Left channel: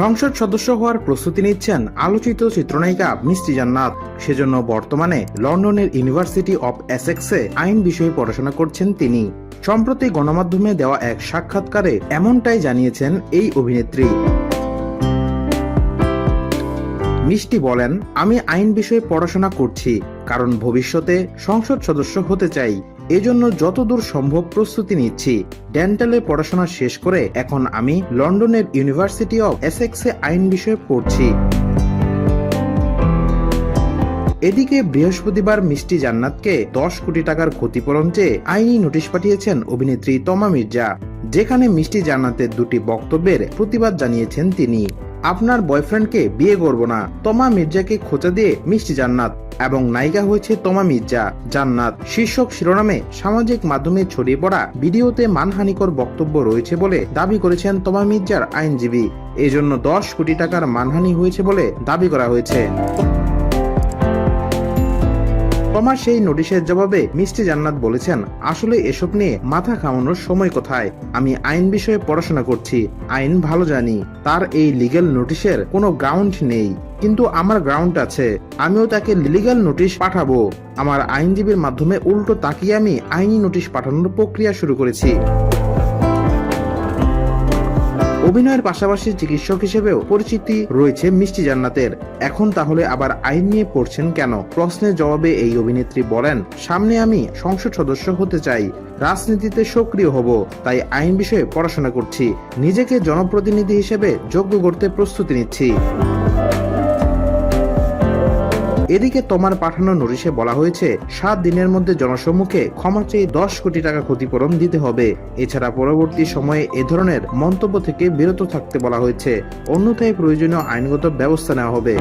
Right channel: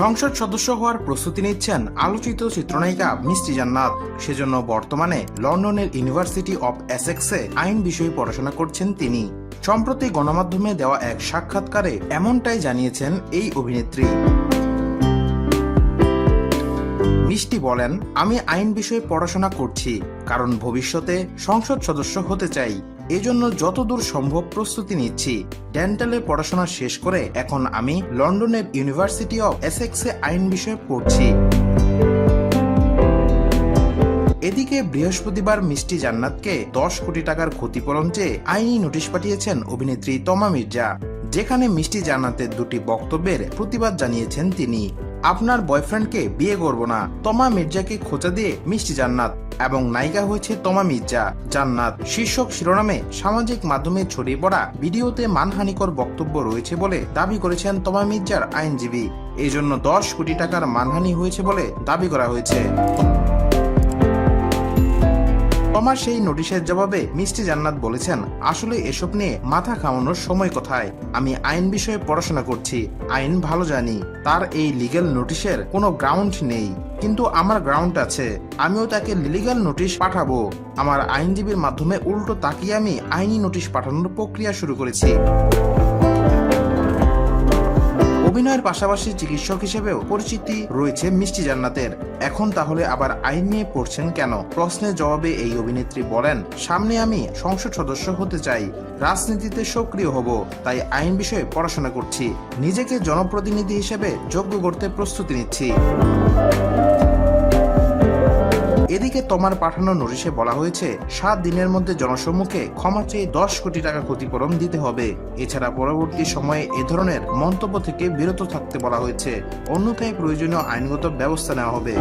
সংসদ সদস্য হওয়ার প্রস্তুতি নিচ্ছেন আলোচিত চিত্রনায়িকা মিষ্টি জান্নাত। সেজন্য বর্তমানে লন্ডনের ইউনিভার্সিটি অব এসেক্সে আইন বিষয়ে পড়াশোনা করছেন তিনি। সম্প্রতি গণমাধ্যমে দেওয়া এক সাক্ষাৎকারে এমনটাই জানিয়েছেন এই অভিনেত্রী। মিষ্টি বলেন, আমি আইন বিষয়ে পড়াশোনা করছি, কারণ ভবিষ্যতে সংসদ সদস্য হতে চাই। এজন্য যতদূর সম্ভব প্রস্তুতি নিচ্ছি। ডেন্টালে পড়াশোনা শেষ করে এখন আমি লন্ডনের ইউনিভার্সিটি অফ এসেক্সে আইন বিষয়ে পড়ছি। এদিকে বৃহস্পতিবার মিষ্টি জান্নাতকে দশ কোটি টাকার ক্ষতিপূরণ চেয়ে আইনি নোটিশ পাঠিয়েছেন অভিনেত্রী তমা মির্জা, যেখানে মিষ্টি জান্নাতের দুটি বক্তব্যের প্রতিবাদ জানিয়েছেন তিনি। আপনার বয়ফ্রেন্ডকে বিয়ে করব না, তমা মির্জাকে খোঁচা দিয়ে মিষ্টি জান্নাত এবং নায়িকা হয়েছে তমা মির্জা, জান্নাত। শীর্ষক শিরোনামে সামাজিক মাধ্যমে ছড়িয়ে পড়া ভিডিওতে মানহানিকর বক্তব্য রয়েছে বলে দাবি করেছেন তমা মির্জার আইনজীবী। এজন্য দশ কোটি টাকার মানহানি হয়েছে বলে দাবি করা হয়েছে। সেই নোটিশের জবাবে মিষ্টি জান্নাত বলেছেন, আসলে এসব নিয়ে মাথা ঘামানোর সময় কোথায়? আমি আইন বিষয়ে পড়াশোনা করছি, আইন ভালো জানি, তার এই লিগেল নোটিশের কোনো গ্রাউন্ড নেই। কিন্তু আমার গ্রাউন্ড আছে, আমিও তাকে লিগ্যাল নোটিশ পাঠাবো। আমার আইনজীবীর মাধ্যমে উল্টো তাকিয়ে আমি আইনি নোটিশ পাঠানোর প্রক্রিয়া শুরু করেছি। অভিনয়ের পাশাপাশি চিকিৎসক হিসেবেও পরিচিতি রয়েছে মিষ্টি জান্নাতের। এখন তাহলে আবার আইন নিয়ে পড়ছেন কেন? প্রশ্নের জবাবে এই অভিনেত্রী বলেন, সামনে আমি সংসদ সদস্য হতে চাই, রাজনীতিতে সক্রিয় হব, তাই আইন বিষয়ে পড়াশোনা করছি, নিজেকে জনপ্রতিনিধি হিসেবে যোগ্য করতে প্রস্তুতি নিচ্ছি। এদিকে তোমার পাঠানো নোটিশে বলা হয়েছে, সাত দিনের মধ্যে জনসম্মুখে ক্ষমা চেয়ে দশ কোটি টাকা ক্ষতিপূরণ দিতে হবে। এছাড়া পরবর্তী সময়ে এ ধরনের মন্তব্য থেকে বিরত থাকতে বলা হয়েছে। অন্যথায় প্রয়োজনীয় আইনগত ব্যবস্থা নেওয়া হবে।